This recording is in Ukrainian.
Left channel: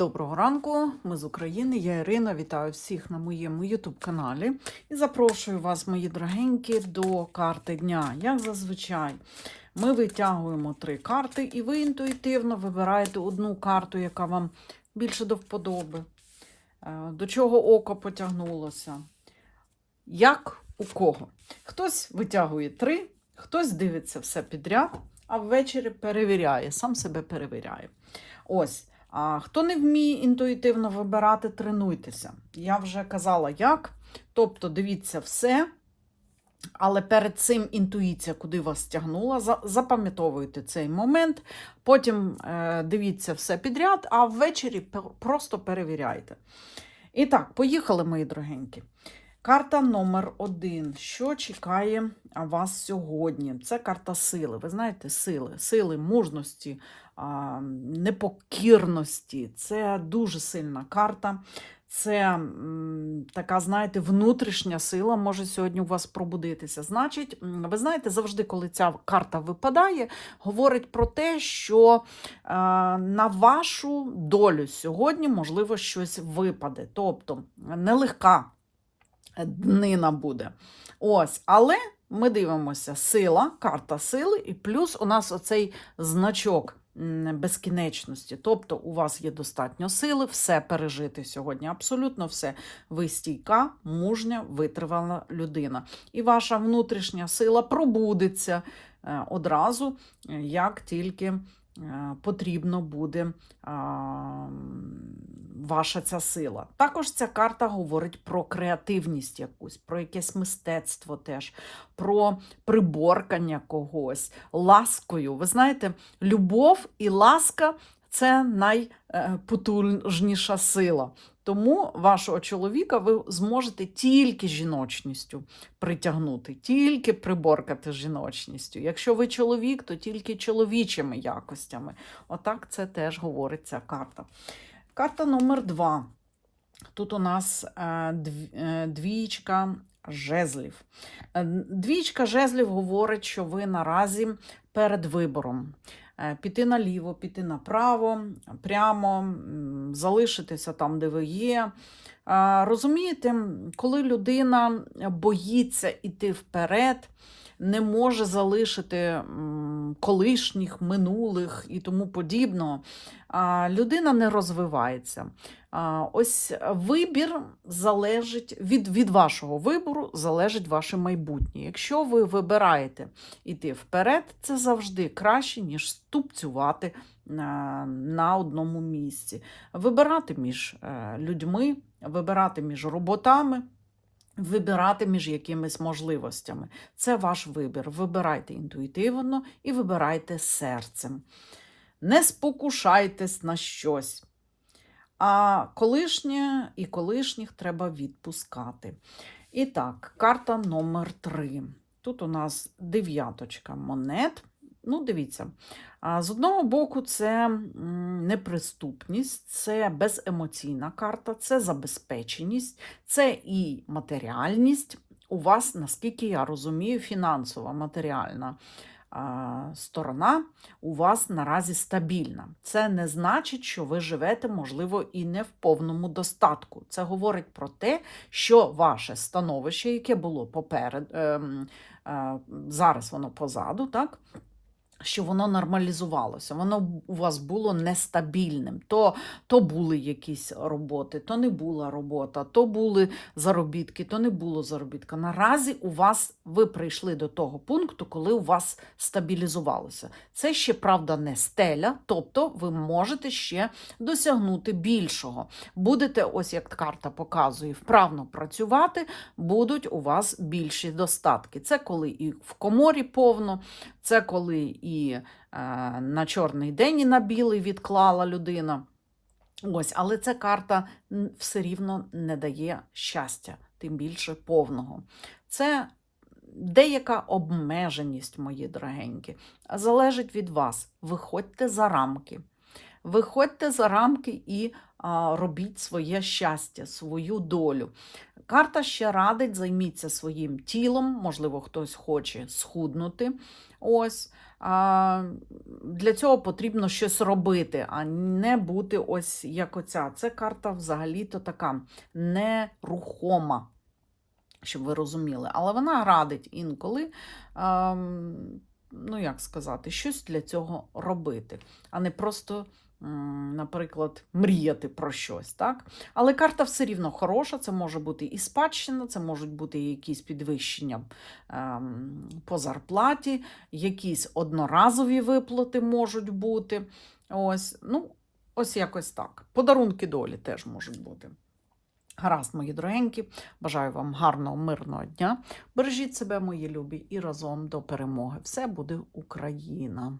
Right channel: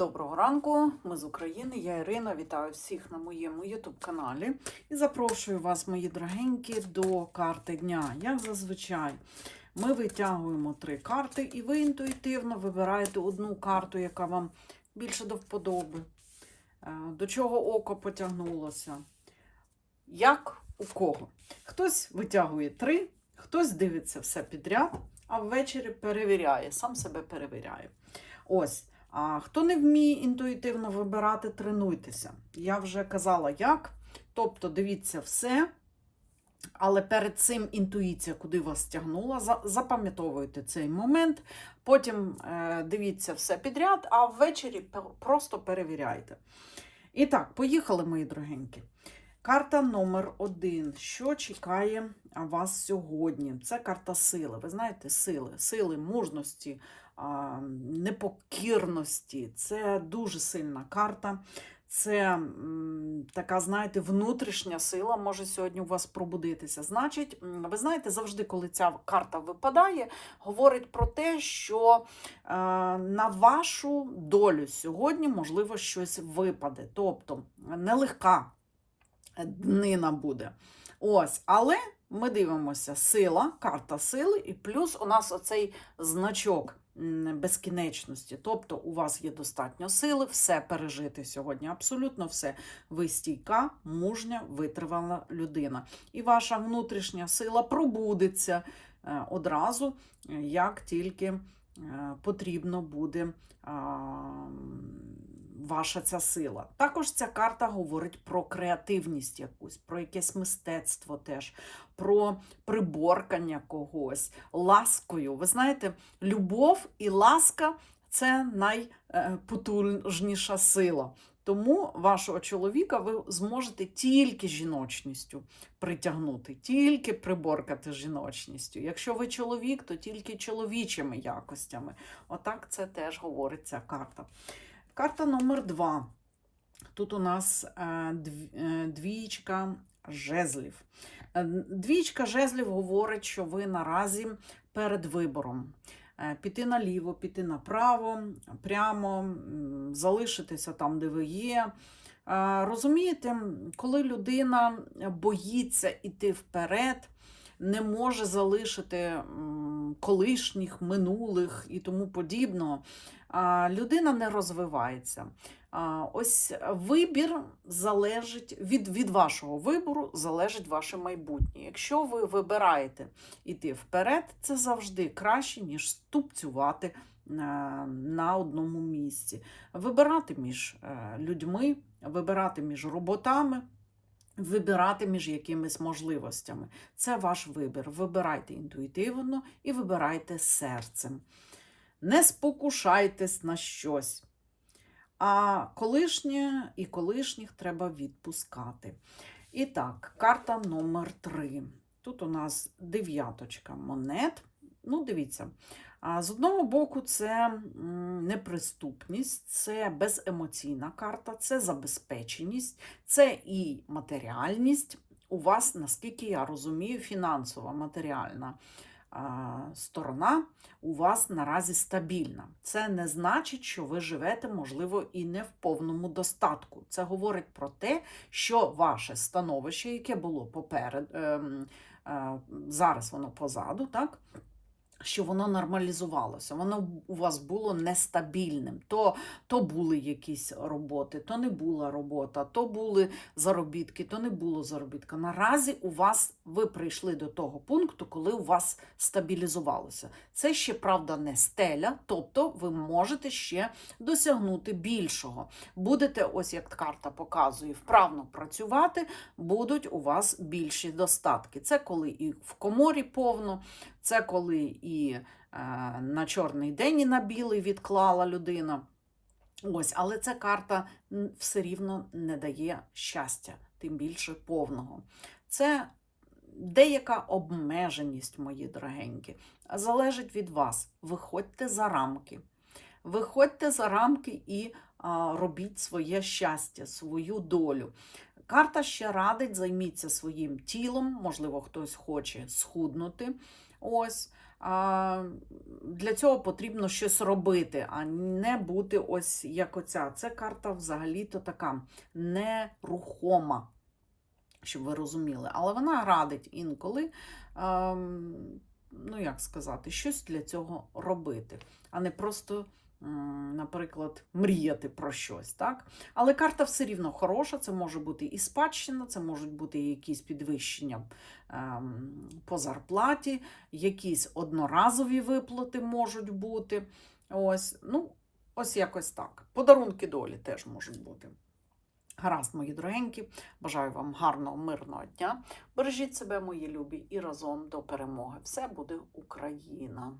Доброго ранку, ми з України, я Ірина. Вітаю всіх на моєму YouTube каналі і запрошую вас, мої дорогенькі, до карти дня. Як зазвичай, ми витягуємо три карти, і ви інтуїтивно вибираєте одну карту, яка вам більше до вподоби, е, до чого око потягнулося. Як у кого? Хтось витягує три, хтось дивиться все підряд, а ввечері перевіряє, сам себе перевіряє. Ось. А хто не вміє інтуїтивно вибирати, тренуйтеся. Я вже казала, як. Тобто, дивіться все, але перед цим інтуїція, куди вас тягнула, запам'ятовуйте цей момент, потім е, дивіться все підряд, а ввечері просто перевіряйте. І так, поїхали, мої дорогенькі. Карта номер один. Що чекає вас сьогодні? Це карта сили. Ви знаєте, сили, сили, мужності, непокірності. Це дуже сильна карта. Це така, знаєте, внутрішня сила може сьогодні у вас пробудитися. Значить, ви знаєте, завжди, коли ця карта випадає, говорить про те, що е, на вашу долю сьогодні можливо щось випаде. Тобто нелегка днина буде. Ось, але ми дивимося сила, карта сили, і плюс у нас оцей значок безкінечності. Тобто у вас є достатньо сили все пережити сьогодні. Абсолютно все. Ви стійка, мужня, витривала людина. І ваша внутрішня сила пробудеться е, одразу, е, як тільки потрібно буде ваша ця сила. Також ця карта говорить про креативність якусь, про якесь мистецтво теж, про приборкання когось, ласкою. Ви знаєте, любов і ласка це найпотужніша сила. Тому вашого чоловіка ви зможете тільки жіночністю притягнути, тільки приборкати жіночністю. Якщо ви чоловік, то тільки чоловічими якостями. Отак це теж говорить ця карта. Карта номер два. Тут у нас е, е, двічка жезлів. Е, Двічка жезлів говорить, що ви наразі перед вибором. Е, Піти наліво, піти направо, прямо залишитися там, де ви є. Розумієте, коли людина боїться йти вперед, не може залишити колишніх, минулих і тому подібного, людина не розвивається. Ось вибір залежить від, від вашого вибору, залежить ваше майбутнє. Якщо ви вибираєте йти вперед, це завжди краще, ніж ступцювати на, на одному місці. Вибирати між е, людьми, вибирати між роботами. Вибирати між якимись можливостями. Це ваш вибір. Вибирайте інтуїтивно і вибирайте серцем. Не спокушайтесь на щось. А колишнє і колишніх треба відпускати. І так, карта номер 3. Тут у нас дев'яточка монет. Ну, дивіться, з одного боку, це неприступність, це беземоційна карта, це забезпеченість, це і матеріальність. У вас, наскільки я розумію, фінансова матеріальна сторона у вас наразі стабільна. Це не значить, що ви живете, можливо, і не в повному достатку. Це говорить про те, що ваше становище, яке було поперед, ем, е, зараз воно позаду, так? Що воно нормалізувалося, воно у вас було нестабільним. То, то були якісь роботи, то не була робота, то були заробітки, то не було заробітка. Наразі у вас ви прийшли до того пункту, коли у вас стабілізувалося. Це ще правда не стеля, тобто ви можете ще досягнути більшого. Будете, ось як карта показує, вправно працювати, будуть у вас більші достатки. Це коли і в коморі повно, це коли і е, на чорний день і на білий відклала людина. Ось, але ця карта все рівно не дає щастя, тим більше повного. Це деяка обмеженість, мої дорогенькі, залежить від вас. Виходьте за рамки. Виходьте за рамки і а, робіть своє щастя, свою долю. Карта ще радить, займіться своїм тілом, можливо, хтось хоче схуднути. Ось. для цього потрібно щось робити, а не бути ось як оця. Це карта взагалі-то така нерухома, щоб ви розуміли. Але вона радить інколи, ем, ну як сказати, щось для цього робити, а не просто. Наприклад, мріяти про щось, так? Але карта все рівно хороша, це може бути і спадщина, це можуть бути якісь підвищення ем, по зарплаті, якісь одноразові виплати можуть бути. Ось, ну, ось якось так. Подарунки долі теж можуть бути. Гаразд, мої дорогенькі, бажаю вам гарного, мирного дня. Бережіть себе, мої любі, і разом до перемоги. Все буде Україна!